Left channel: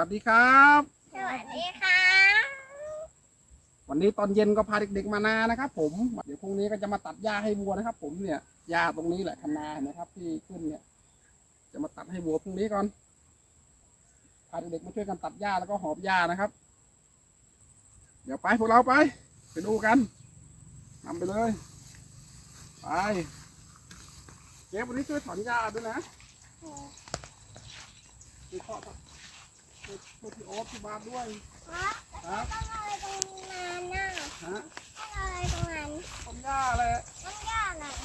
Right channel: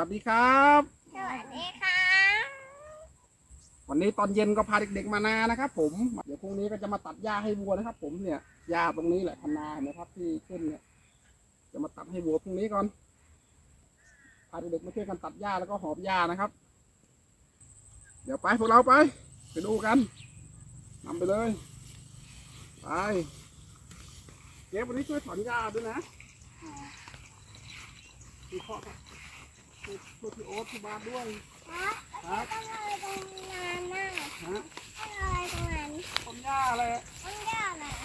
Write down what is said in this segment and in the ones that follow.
วัสดีครับ สวัสดีค่ะวันนี้ตอนเย็นก็พาเด็กๆมานานะครับ ผมเดี๋ยวพรุ่งนี้ก็จะมาตัดหญ้าให้วัวนะครับ ผมเนี่ยหญ้าตรงนี้แหละคันนาเห็นไหมครับ ที่ขึ้นเนี่ย จะมาตัดให้วัวพรุ่งนี้ก่อนพาเด็กๆมาช่วยกันตัดหญ้าแล้วก็หอบหญ้านะครับ เดี๋ยวไปพวกเราไป ไปดูกันนำไปเลยไปเก็บวันนี้ช่วยถอนหญ้าด้วยนะดูข้อ ครับช่วยช่วยพี่โอ๊ตพี่บาสด้วย ครับต้องอะไรตรงนั้นน่ะฮะต้องอะไรตรงนั้นถอนหญ้าแหละต้องย่าหน่อย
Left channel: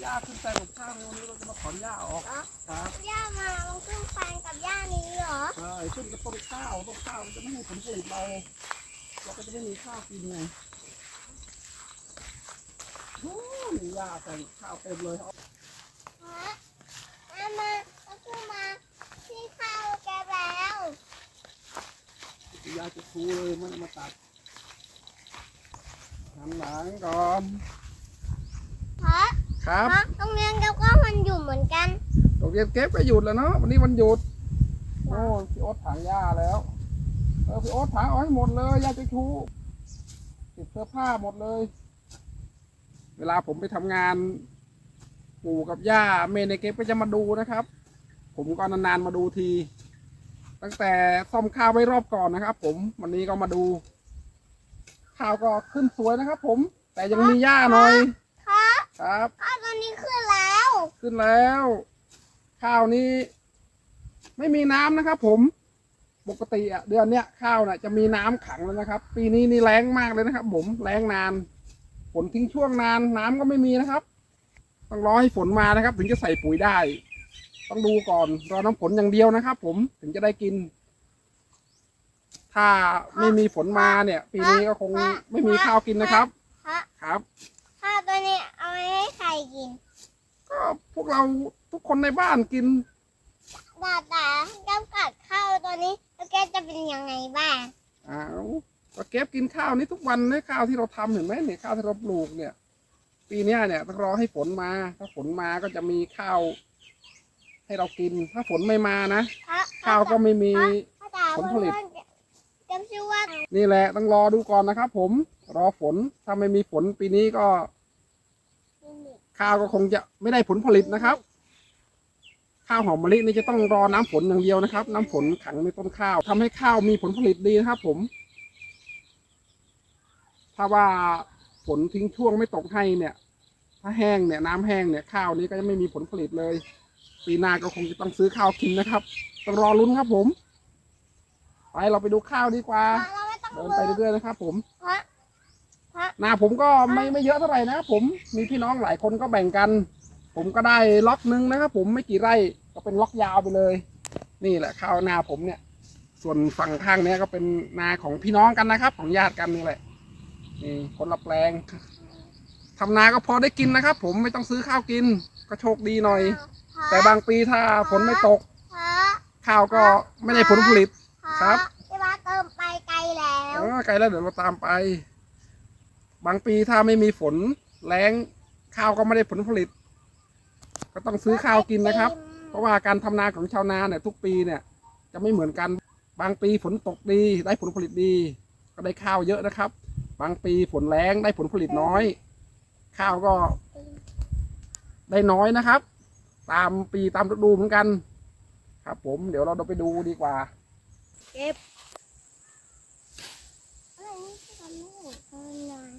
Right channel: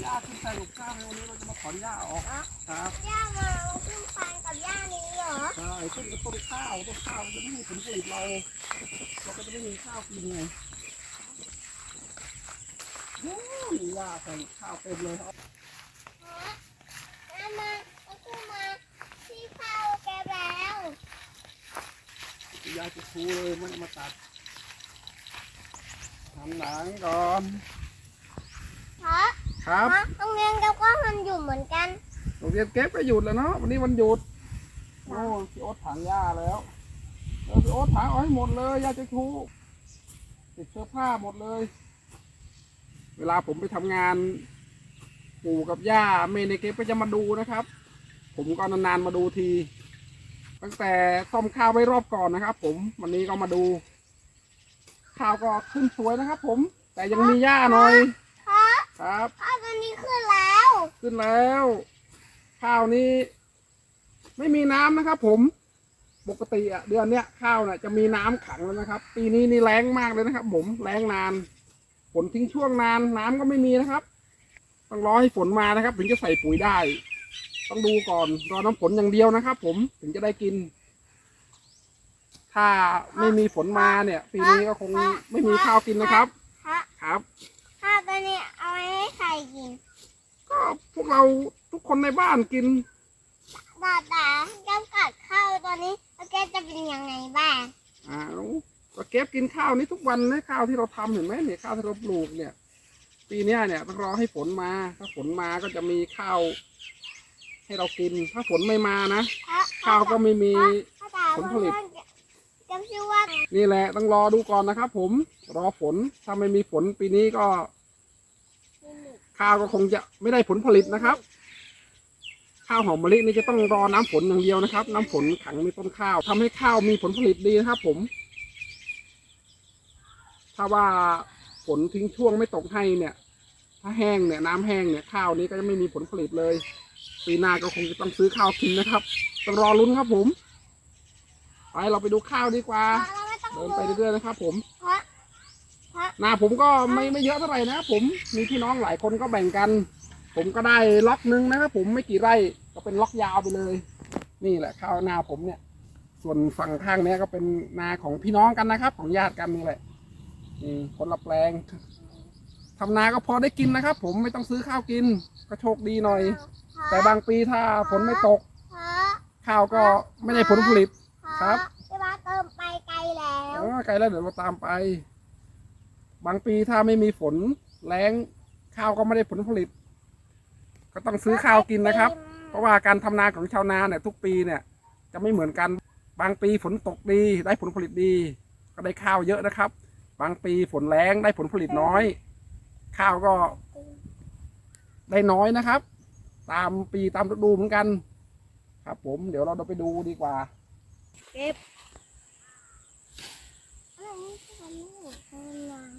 หญ้าขึ้นแต่หลบข้าวในวันนี้เราจะมาถอนหญ้าออก ครับย่ามามันขึ้นไปกับย่านี้เหรอใช่ขึ้นกับต้นข้าวต้นข้าวจะไม่ให้ผลผลิตเราเราก็จะไม่มีข้าวกินไงโอ้ยหญ้าแต่ข้าวเต็มเลยฮะแมามันขึ้นมาที่เข้าแกแล้ว หญ้าจะทูเลยมันเอามาตัดหันหลังก่อนเพราะครับเพราะโรงเรียนเราก็มันอยู่เหมือนกันโรงเรียนเก็บก็หยุดแล้วเนาะวันนี้วันหยุดโอ้พี่โอ๊ตถางหญ้าแล้วเออพี่โอ๊ตถางเอาให้หมดเลยหญ้าจะทูติดเสื้อผ้าหมดเลย เวลาผมไปทำงานปู่กับย่าเมย์ในเก็บก็จะมาดูนะครับ ผมก็นานๆมาดูที ตั้งแต่ซ่อมข้าวไว้รอบก่อนนะครับ ผมวันนี้ก็มาดู ข้าวก็ขึ้นสวยนะครับ ผม แต่ยังมีหญ้าหน่อยพราะครับข้าวตัวนี้ขึ้นแล้วขึ้นแล้ว ข้าวนี้ ไม่มีน้ำนะครับ ผมปกติอะเดือนเนี้ยข้าวน่ะจะมีน้ำขังแล้วนะครับ ปีนี้นี่แรงมากเลยนะครับ ผมแรงนานฝนทิ้งช่วงนานน้ำก็ไม่มีนะครับ ต้องรอให้ฝนมานะครับ ถึงจะใส่ปุ๋ยได้ ต้องดูก่อนรอน้ำฝนอย่างเดียวนะครับ ผมถึงจะได้กิน ถ้าไม่มีฝนมาเนี่ย ปีนี้ก็คงไม่มีข้าวกินนะครับเพราะครับข้าวตัวนี้เอาไว้ให้ใครกิน ก็พวกเราทุกคนในบ้านกินตาตาจำกัดข้าวตัวนี้แล้วแกจะเป็นยังไงบ้างอ้าวก็เก็บกินข้าวนี้ทุกวันนะข้าวที่เราทำเห็นไหมเนี่ยข้าวที่เราปลูกเนี่ย ปีเนี้ยเนี่ยต้องรอให้ฝนมา ถ้าฝนมาก็จะมีข้าว ให้เรากินถ้าฝนไม่มานะเพราะข้าวก็ไม่มีภาษาผลผลิตจำชื่อว่านี่แหละต้องรอดูก่อนนะครับ ผมรอฝนถ้าไม่มีฝนปีนี้ก็ ข้าวก็คงจะไม่ได้ผลผลิตนะครับข้าวหอมมะลินี่จะต้องรอน้ำฝนอย่างเดียวนะครับ น้ำฝนขังในต้นข้าวทำให้ข้าวมีผลผลิตดีนะครับ ผม ถ้าว่าฝนทิ้งช่วงไม่ตกให้เนี่ย ถ้าแห้งเนี่ยน้ำแห้งเนี่ยข้าวนี้ก็จะไม่มีผลผลิตเลย ปีหน้าก็คงจะต้องซื้อข้าวกินนะครับต้องรอลุ้นครับผม ไปเราไปดูข้าวดีกว่า เดินไปเรื่อยๆนะครับ ผมเพราะเพราะนาผมก็ไม่ไม่เยอะเท่าไหร่นะผมมีพี่น้องหลายคนก็แบ่งกัน ผมก็ได้ล็อกนึงนะครับผมไม่กี่ไร่ก็เป็นล็อกยาวไปเลย นี่แหละข้าวนาผมเนี่ย ส่วนฝั่งข้างเนี้ยก็เป็นนาของพี่น้องกันนะครับ ของญาติกันนี่แหละนี่คนละแปลงทำนาก็พอได้กินนะครับ ผมไม่ต้องซื้อข้าวกิน ก็โชคดีหน่อย แต่บางปีถ้าฝนไม่ตกเพราะข้าวก็ไม่ได้ผลผลิตครับที่ว่าเติมไปไกลแล้วเออไกลแล้วเดี๋ยวเราตามไป บางปีถ้าไม่มีฝนแรงข้าวก็ไม่ได้ผลผลิต ก็ต้องซื้อข้าวกินนะครับ เพราะว่าการทำนาของชาวนาเนี่ยทุกปีเนี่ย จะไม่เหมือนกันบางปีฝนตกดี ได้ผลผลิตดี ก็ได้ข้าวเยอะนะครับ บางปีฝนแรงได้ผลผลิตน้อย ข้าวก็ได้น้อยนะครับ ตามปีตามฤดูเหมือนกัน ครับ ผมเดี๋ยวเราไปดูดีกว่าเก็บอะไรนี่ทำไม่เห็นทำงาน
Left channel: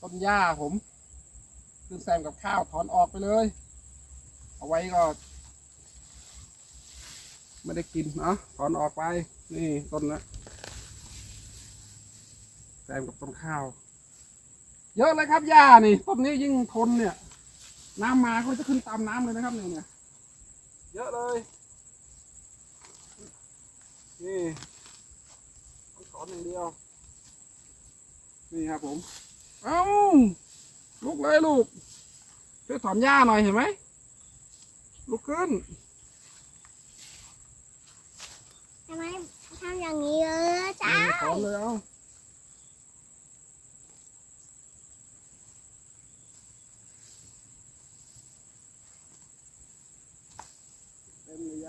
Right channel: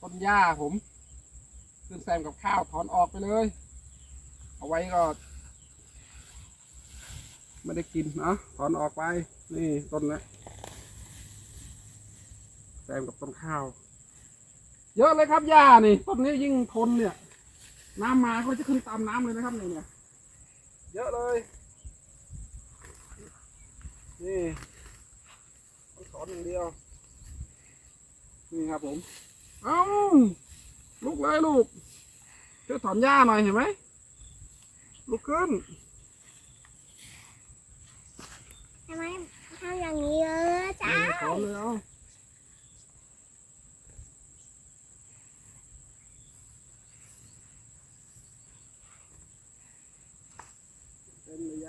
ต้นหญ้าผมขึ้นแซมกับข้าวถอนออกไปเลย เอาไว้ก็ ไม่ได้กินเนาะถอนออกไป นี่ต้นนะแซมกับต้นข้าว เยอะเลยครับหญ้านี่ต้นนี้ยิ่งทนเนี่ย น้ำมาก็จะขึ้นตามน้ำเลยนะครับเนี่ยเนี่ยเยอะเลยนี่ต้องถอนอย่างเดียว นี่ครับผม เอ้าลุกเลยลูกช่วยถอนหญ้าหน่อยเห็นไหมลุกขึ้นทำไมทำอย่างนี้เออจ้านี่ถอนเลยเอาเต็มเลย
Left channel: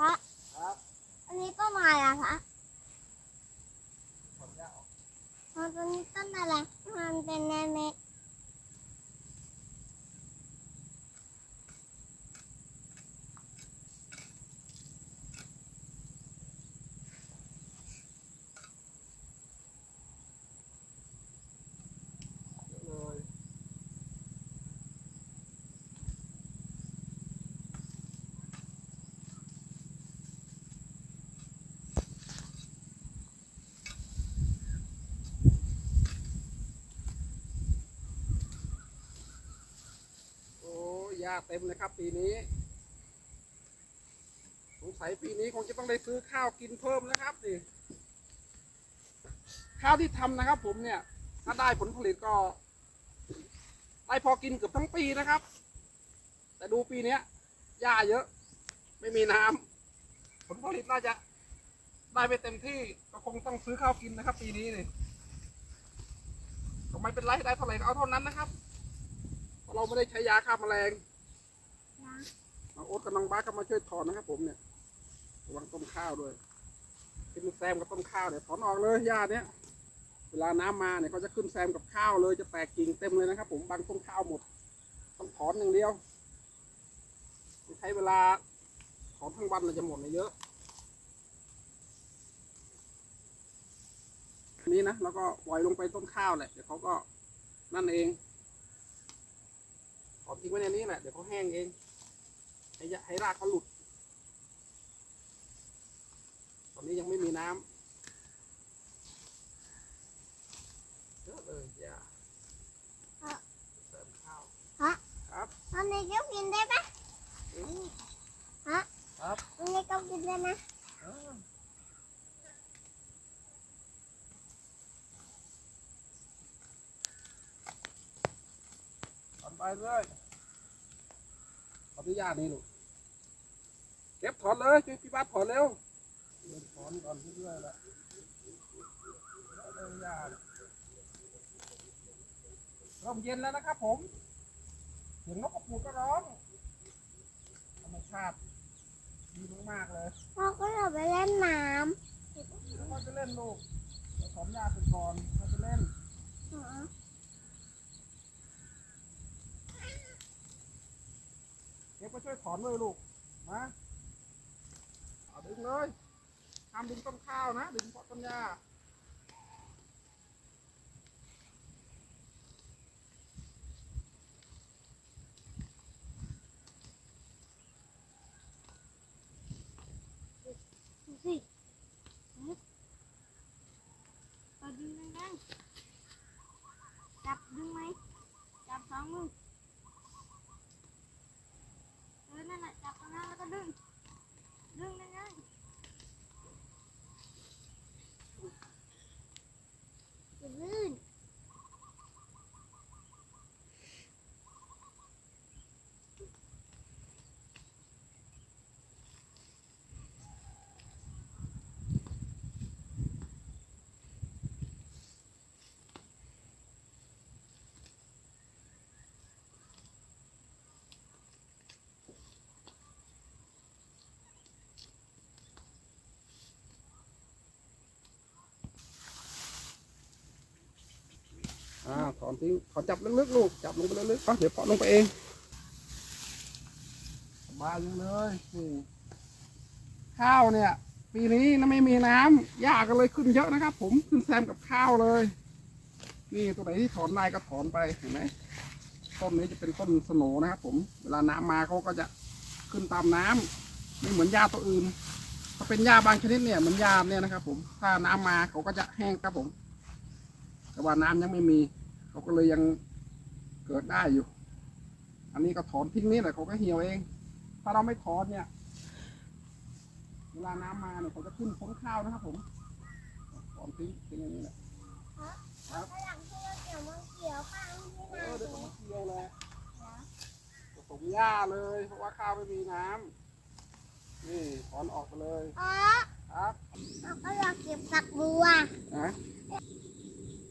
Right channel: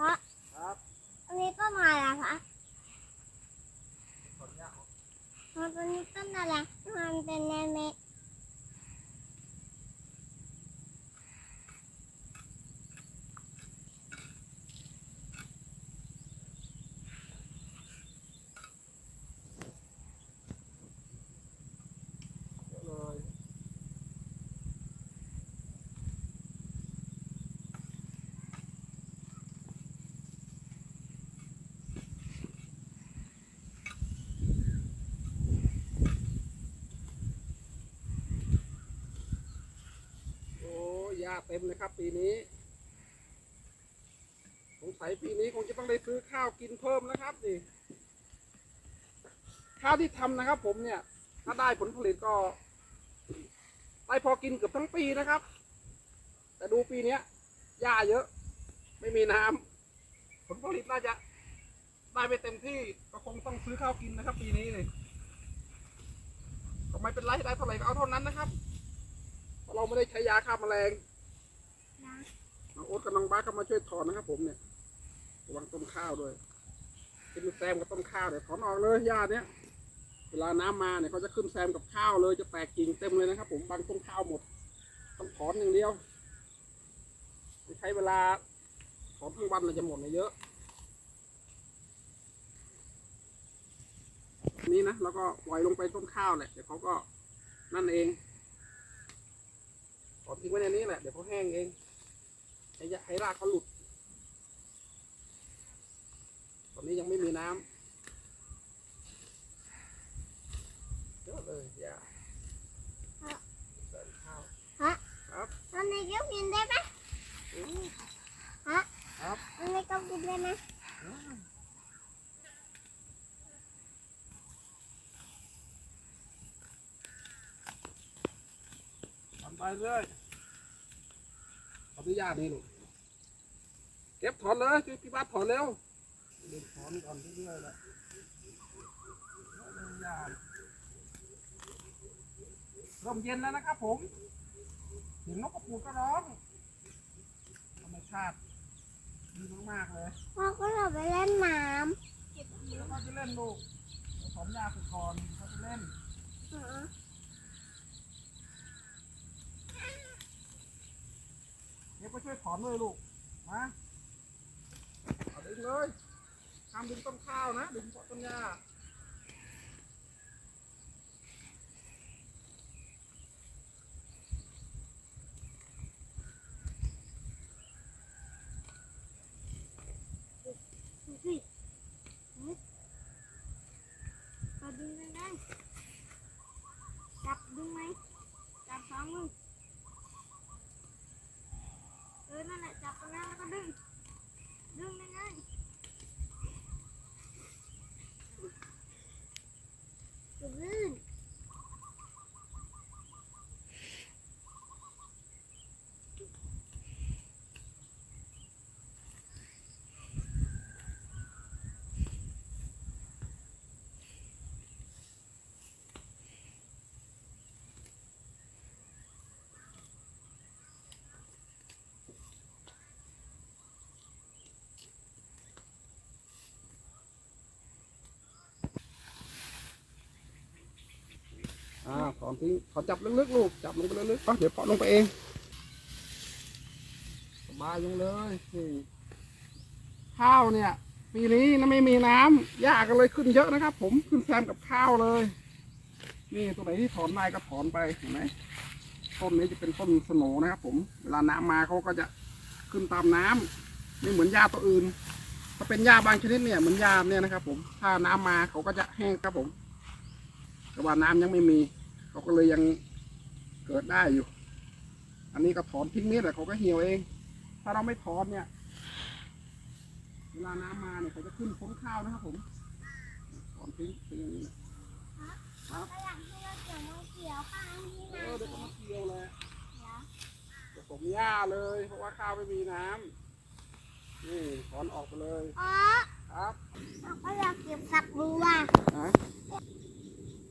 เพราะ ครับ อันนี้ต้นอะไรอะคะ ถอนหญ้าออก อ๋อตัวนี้ต้นอะไรมันเป็นแนเมฆ เยอะเลยโอ้ยา เต็มเลยครับ ปีนี้ สงสัยปีนี้คงจะต้องได้ซื้อข้าวกินเพิ่มนะครับนี่ข้าวที่ทำนะครับ ผมเนี่ย ถ้าได้ผลผลิตก็ ได้พอกินเกือบทั้งปีนะครับ แต่ดูปีเนี้ยหญ้าเยอะ ไม่มีน้ำผลผลิตน่าจะ ได้ไม่เต็มที่ก็คงต้องซื้อข้าวกินนะครับ ปีนี้นี่ก็ไม่เป็นไรได้เท่าไหร่ก็เอาเท่านั้นนะครับเพราะเราไม่ได้ใช้ยาฆ่าแมลง น้องโอ๊ตกับน้องบ้าสก็มาช่วยถอนนะครับ ผมเนี่ยระวังต้มข้าวด้วยกินแซมกับต้มข้าวเนี่ยถอนออกเลยหญ้าเนี้ยเวลาน้ำมาเนี่ยเขาจะขึ้นแซมกับข้าวเลยจะแตกกิ่งเต็มเลยนะครับ ผมบางต้นข้าวหมด ต้องถอนอย่างเดียวใช้เวลาถอนทั้งวันเลยจะหมดเลยเยอะนี่นะแล้วก็ปล่อยลงไปต้นข้าวแหละเดี๋ยวเขาก็นั่นเองถอนทิ้งไว้ในนี้แหละเดี๋ยวเขาแห้งเอง ให้ยะให้รากเขาหลุด ตอนนี้ยังไม่มีน้ำเยอะเลยอย่าเสริมข้าวครับ ตอนนี้ก็กินได้ไหมครับตอนนี้ก็กินได้ไหมอ่าทำไปเลยข ออนุญาตนี่ลูกเก็บถอนเลยพี่บ้านถอนเร็วเดินถอนก่อนเรื่อยๆแหละแล้วเลยยาเริ่มเย็นแล้วนะครับผมเสียงนกกระปูก็ร้องธรรมชาติดีมากๆเลยพ่อก็เราไปเล่นน้แล้วก็จะเล่นลูกเดี๋ยวถอนหญ้าไปก่อนเขาจะเล่นำอ๋อ เดี๋ยวไปช่วยถอนด้วยลูก มาเอาดึงเลยทำดึงต้นข้าวนะ ดึงเพาะต้นหญ้าดูสิเอาดึงได้ไหมจับดึงไหมจับสองมือเออนั่นแหละจับตรงนั้นแล้วก็ดึง ดึงได้ไงอย่าลื่น อ่าถอนทิ้งถอนจับลึกๆลูกจับลงไปลึกๆเอาเดี๋ยวเพาะลงไปเองสบายยังเลยนี่ข้าวเนี่ย ปีนี้นะไม่มีน้ำหญ้าก็เลยขึ้นเยอะนะครับ ผมขึ้นแซมกับข้าวเลยนี่ตัวไหนที่ถอนได้ก็ถอนไปเห็นไหมต้นนี้จะเป็นต้นสโนนะครับ ผมเวลาน้ำมาเขาก็จะขึ้นตามน้ำไม่เหมือนหญ้าตัวอื่นถ้าเป็นหญ้าบางชนิดเนี่ยเหมือนหญ้าเนี่ยนะครับ ผมถ้าน้ำมาเขาก็จะแห้งครับผม แต่ว่าน้ำยังไม่มี เขาก็เลยยังเกิดได้อยู่ อันนี้ก็ถอนทิ้งนี่แหละเขาก็เหี่ยวเอง ถ้าเราไม่ถอนเนี่ย เวลาน้ำมาเนี่ยเขาจะขึ้นพ้นข้าวนะครับผมถอนทิ้งเป็นอย่างนี้แหละครับฝรั่งที่เราเกี่ยวมันเกี่ยวข้างที่เอนาอเดี๋ยวเก็มาเกี่ยวแหละหรอผสมหญ้าเลย เพราะว่าข้าวไม่มีน้ำนี่ถอนออกไปเลยอ๋อครับเราก็อยากเก็บสักบัว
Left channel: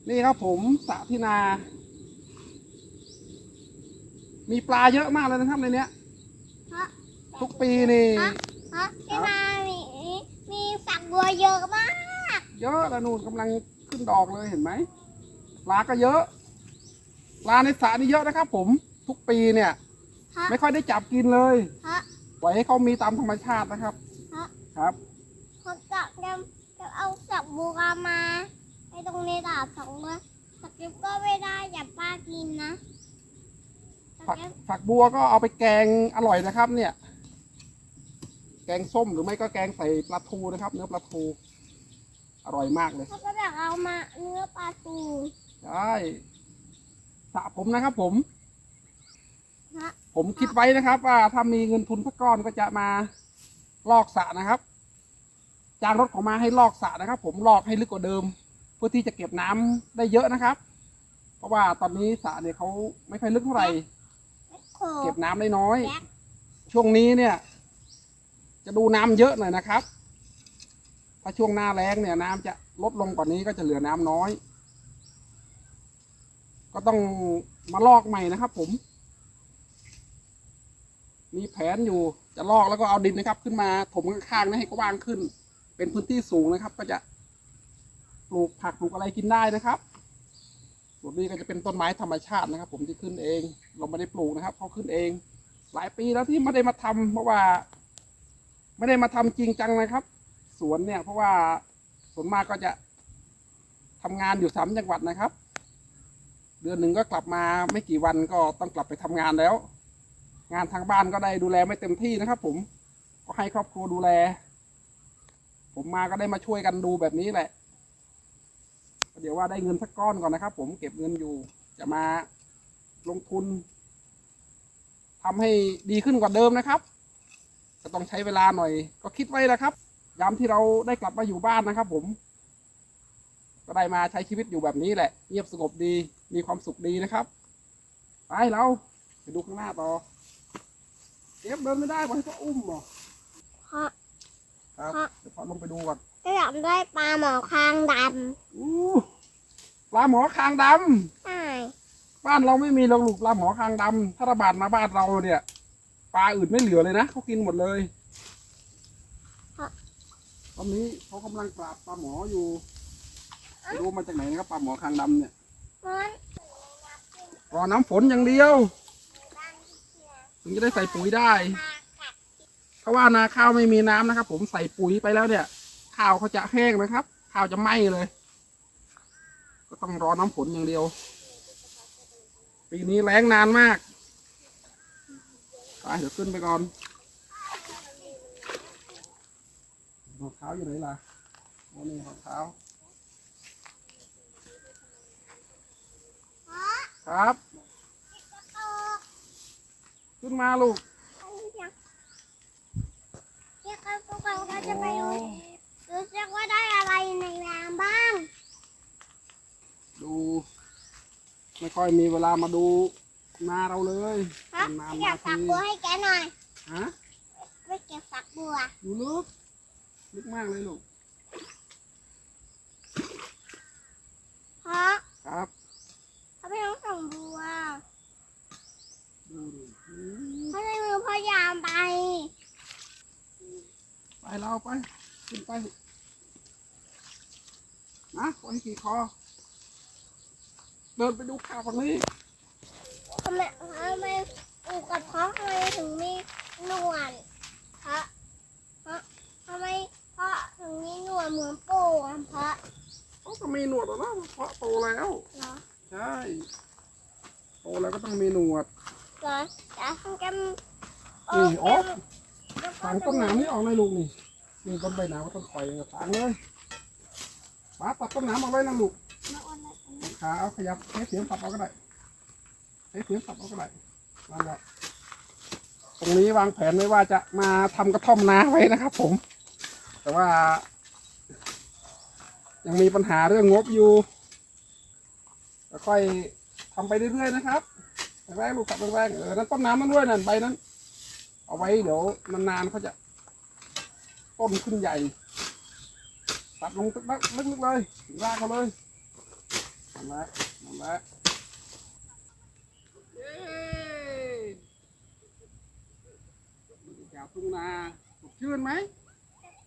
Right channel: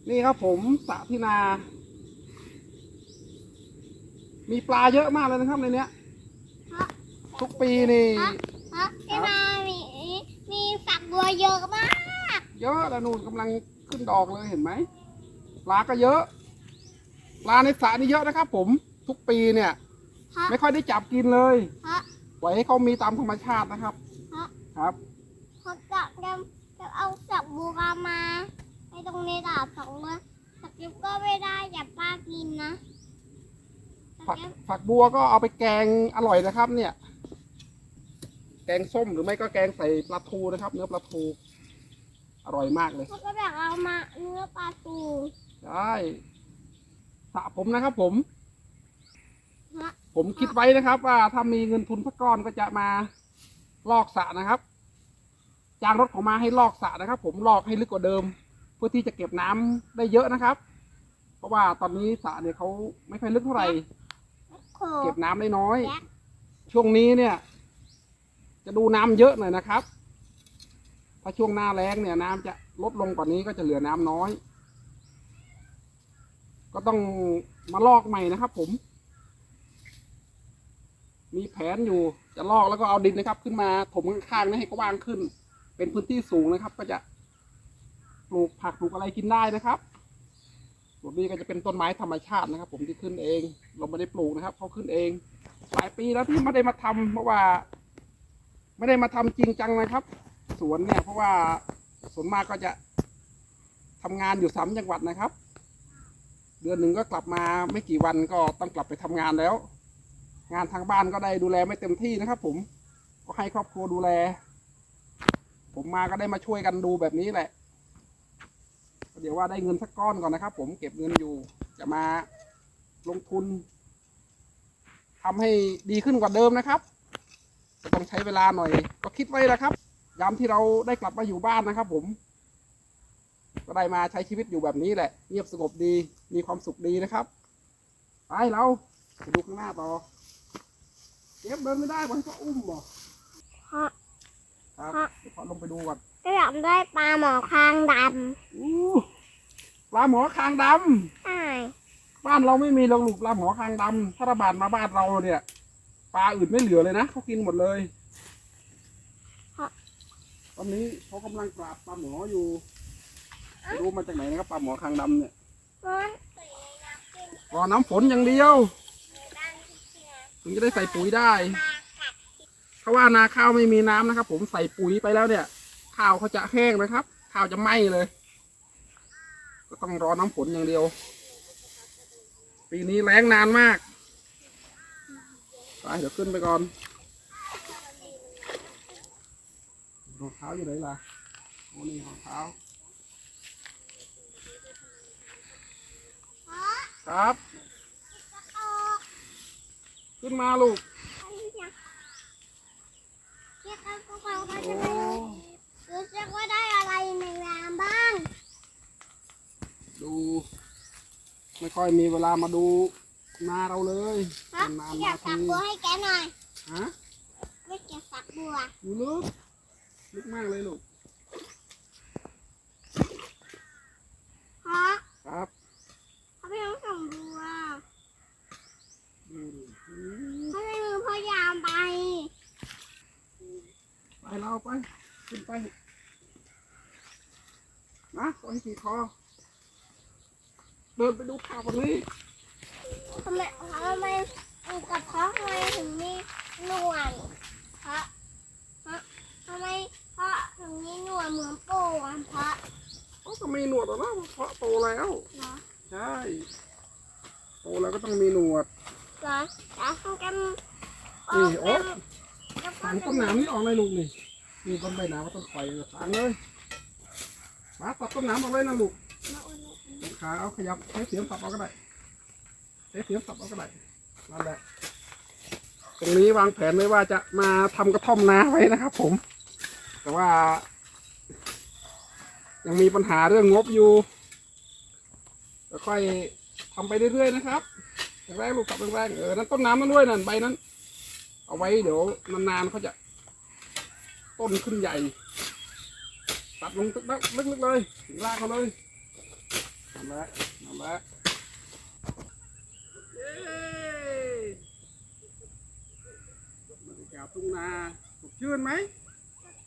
นะนี่ครับผมสระที่นา มีปลาเยอะมากเลยนะครับในเนี้ยฮะทุกปีนี่ฮะฮะพี่มาบัวเยอะมาก เยอะแล้วนู่นกำลังขึ้นดอกเลยเห็นไหมปลาก็เยอะ ปลาในสระนี่เยอะนะครับผมทุกปีเนี่ย ฮะ ไม่ค่อยได้จับกินเลยฮะปล่อยให้เขามีตามธรรมชาตินะครับ ฮะครับเขาจะจะจะเอาสักบัวมา ให้ตรงนี้ดาบสองมือสักเก็บก็ไม่ได้อย่าป้ากินนะสักฝักเก็บฝักบัวก็เอาไปแกงอร่อยนะครับ เนี่ย แกงส้มหรือไม่ก็แกงใส่ปลาทูนะครับ เนื้อปลาทูอร่อยมากเลยเขาก็อยากเอามาเนื้อปลาตูได้สระผมนะครับ ผมฮะผมคิดไว้นะครับ ว่าถ้ามีเงินทุนสักก้อนก็จะมาลอกสระนะครับ จ้างรถของมาให้ลอกสระนะครับ ผมลอกให้ลึกกว่าเดิม เพื่อที่จะเก็บน้ำได้เยอะนะครับ เพราะว่าตอนนี้สระเนี่ยเขาไม่ค่อยลึกเท่าไหร่โคเก็บน้ำได้น้อยแจ็คช่วงนี้เนี่ย จะดูน้ำเยอะหน่อยนะครับ ถ้าช่วงหน้าแล้งเนี่ยน้ำจะลดลงกว่านี้ก็จะเหลือน้ำน้อย ก็ต้องมาลอกใหม่นะครับ ผม มีแผนอยู่จะลอกแล้วก็เอาดินนะครับ ขึ้นมาถมข้างๆนี่ให้กว้างขึ้น เป็นพื้นที่สูงนะครับ ก็จะ ปลูกผักปลูกอะไรกินได้นะครับส่วนนี้ก็จะเป็นต้นไม้ธรรมชาตินะครับ ผมที่ขึ้นเอง เราไม่ได้ปลูกนะครับเขาขึ้นเอง หลายปีแล้วที่ไม่ได้มาทำเพราะว่า ไม่ได้มาทำจริงจังนะครับ สวนเนี่ย เพราะว่าส่วนมากก็จะทำงานอยู่สามจังหวัดนะครับ เดือนหนึ่งก็กลับมาไม่กี่วันก็ต้องกลับไปทำงานแล้ว งานทางบ้านก็ได้ดูแลไม่เต็มที่นะครับ ผมก็ให้ครอบครัวดูแล ผมมาก็ได้มาช่วยกันดูแบบนี้แหละ เดี๋ยวว่าได้เงินสักก้อนก่อนนะครับ ผมเก็บเงินอยู่ จะมาลงทุนทำให้ดีขึ้นกว่าเดิมนะครับก็ต้องใช้เวลาหน่อย ก็คิดไว้แล้วครับ ยามที่เราได้กลับมาอยู่บ้านนะครับ ผม ก็ได้มาใช้ชีวิตอยู่แบบนี้แหละ เงียบสงบดีมีความสุขดีนะครับไปเราไปดูข้างหน้าต่อเก็บเดินไม่ได้บอกให้เขาอุ้มเหรอฮะครับฮะเดี๋ยวขอลงไปดูก่อน ก็อยากได้ปลาหมอคางดอู้ปลาหมอคางดำำใช่บ้านเราไม่มีเราลูกปลาหมอคางดำถ้าระบาดมาบ้านเราเนี่ยปลาอื่นไม่เหลือเลยนะเขากินหมดเลยตอนนี้เขากำลังปราบปลาหมออยู่ไม่รู้มาจากไหนนะครับปลาหมอคางดำเนี่ยมันรอน้ำฝนอย่างเดียว ถึงจะได้ใส่ปุ๋ยได้ เพราะว่านาข้าวไม่มีน้ำนะครับผมใส่ปุ๋ยไปแล้วเนี่ย ข้าวเขาจะแห้งนะครับ ข้าวจะไหม้เลย ก็ต้องรอน้ำฝนอย่างเดียว ปีนี้แล้งนานมากไปเดี๋ยวขึ้นไปก่อนรองเท้าอยู่ไหนล่ะโอ้นี่รองเท้า ครับ ขึ้นมาลูกอันนี้ยังเรียกกันพวกเราก็จะไปดูรู้สึกว่าได้อะไรในน้ำบ้าง ดู ไม่ค่อยมีเวลามาดูนาเราเลยครับนานอๆยากมาสักทีบัวให้แกหน่อยฮะไปเก็บสักบัวอยู่ลึกลึกมากเลยลูก เพราะ ครับ เขาไม่ต้องส่งบัว ดูดูอืม เขาใช้มือพยายามไป ไปเราไป ขึ้น ไปนะปล่อยให้ขี่คอ เดินไปดูข่าวฝั่งนี้ทำไมทำไมอูกับเพาะทำไมถึงมีหนวดพระเพระทำไมเพราะถึงมีหนวดเหมือนปูอะเพราะเขาก็มีหนวดแล้วนะเพราะโตแล้วเหรอใช่โตแล้วก็ต้องมีหนวดเหรอแต่ต้องแกมนี่โอ๊ะถางต้นนามนี่ออกเลยลูกนี่ นี่ต้นใบหนาต้นข่อยถางเลยมาตัดต้นหนามออกเลยนะลูกขาเอาขยับใช้เสียมสับเอาก็ได้ใช้เสียมสับเอาก็ได้นั่นแหละตรงนี้วางแผนไว้ว่าจะมาทำกระท่อมนาไว้นะครับ ผม แต่ว่า ยังมีปัญหาเรื่องงบอยู่ก็ค่อยทำไปเรื่อยๆนะครับแรกๆลูกสับแรกๆเออนั่นต้นน้ำนั่นด้วยนั่นใบนั้น เอาไว้เดี๋ยวนานๆเขาจะ ต้นขึ้นใหญ่ ตัดลงตึกลึกๆเลยถึงรากเขาเลยนั่นแหละนั่นแหละเย้บรรยากาศทุ่งนาสดชื่นไหม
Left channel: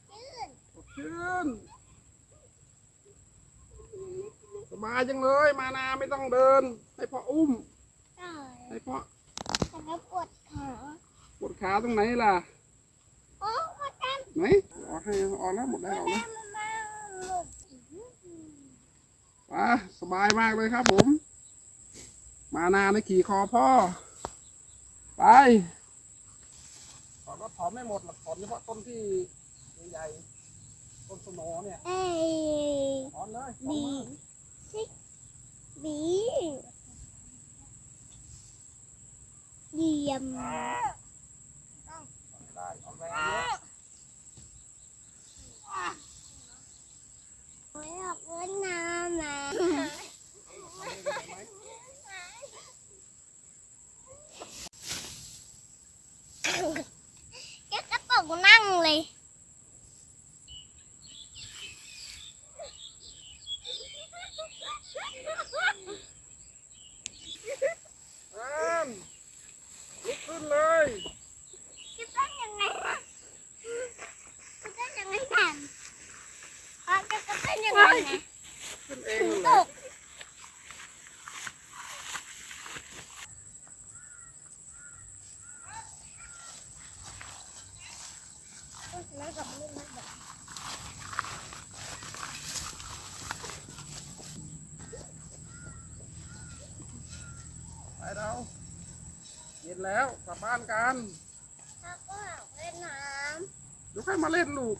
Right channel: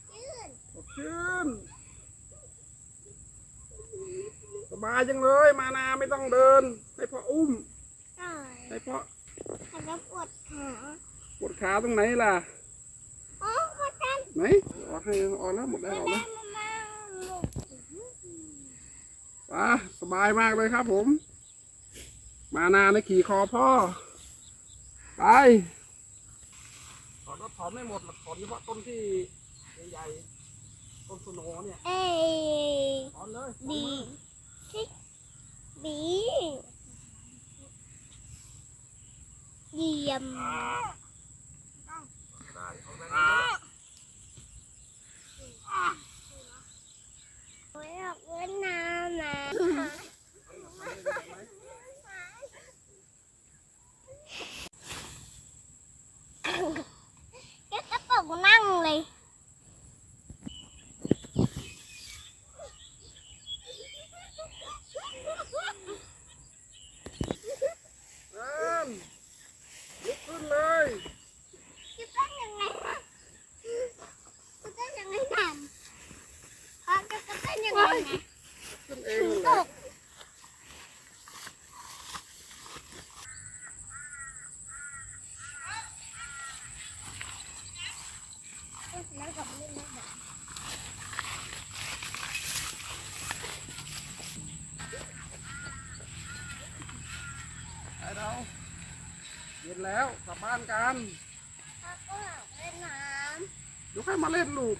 ชื่นสดขึ้นสบายจังเลย มานาไม่ต้องเดิน ให้พ่ออุ้มใช่ให้พ่อแต่ก็ปวดขา ปวดขาตรงไหนล่ะโอ้พ่อจัน ไหนออกให้ออกแล้วหมดแล้วออกแม่แล้วมามาหลบว้าสบายมากเลยครับผม มานาในขี่คอพ่อ ไปถอนก็ถอนไม่หมดหรอกถอนเฉพาะต้นที่ใหญ่ๆต้นสโหนเนี่ยเอ้ยถอนเลยถอนบีเลยชิบีเยี่ยม ได้เอาแรงเยอะ ไม่ออกเล่นน้ำนะเจ๊กระปุกนั่งเลย เอิ้นลุกขึ้นเลย จะเป็นยังไงจะเป็นยังไงกันเขาจะเป็นยังไงนะ ขึ้นเอง ถึง เลย ตกแล้วกับไม่มาแบบ ไปเราเย็น แล้วกลับบ้านกันถ้าก็ออกเล่นน้เดี๋ยวค่อยมาเล่นลูก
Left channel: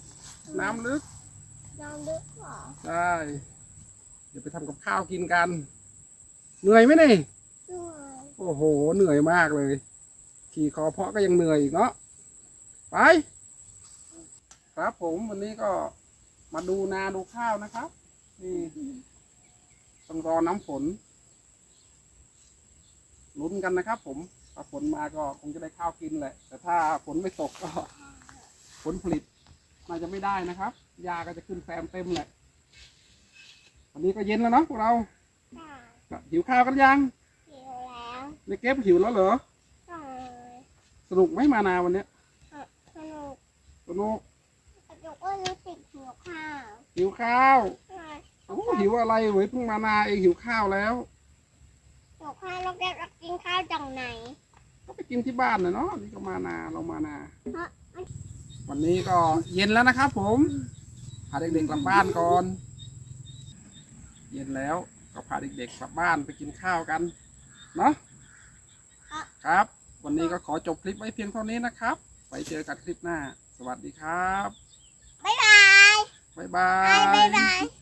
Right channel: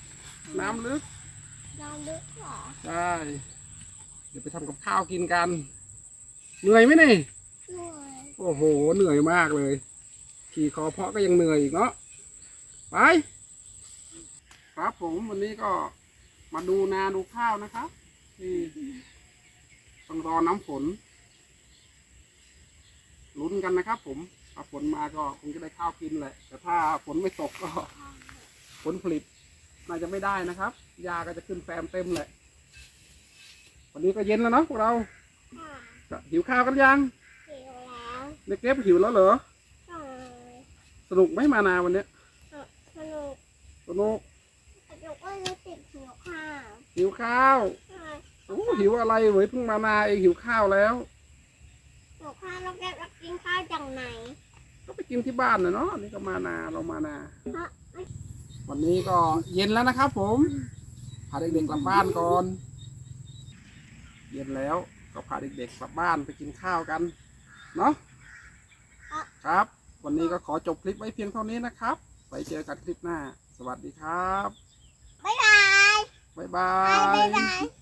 น้ำลึกำน้ำลึกเหรอได้ เดี๋ยวไปทำกับข้าวกินกัน เหนื่อยไหมนี่ เหนื่อยโอ้โห เหนื่อยมากเลย ขี่คอเพาะก็ยังเหนื่อยอีกเนาะ ไป ครับผมวันนี้ก็มาดูนาดูข้าวนะครับ นี่ต้องรอน้ำฝนลุ้นกันนะครับผม ถ้าฝนมาก็คงจะได้ข้าวกินแหละ แต่ถ้าฝนไม่ตกก็ ผลผลิตน่าจะไม่ได้นะครับยาก็จะขึ้นแซมเต็มแหละ วันนี้ก็เย็นแล้วเนาะพวกเราค่ะก็หิวข้าวกันยังหิวแล้วในเก็บหิวแล้วเหรอใช่สนุกไหมมานาวันเนี้ยสนุกสนุกสนุกก็รู้สึกหิวข้าวหิวข้าวใช่โอ้หิวอะไรเว้ยเพิ่งมานาเองหิวข้าวแล้วหิวข้าวเราจะกินข้าวจากไหน ก็ไปกินที่บ้านนะเนาะนี่ก็มานาเรามานาเพราะวันนี้ก็เย็นแล้วนะครับผมพาเด็กๆกลับบ้านก่อน เย็นแล้วก็พาเด็กๆกลับบ้านไปกินข้าวกัน เนาะครับ วันนี้ก็ขอจบคลิปไว้เพียงเท่านี้นะครับไว้เจอกันคลิปหน้า สวัสดีครับ บ๊ายบาย บ๊ายบาบายยบ๊ายบาย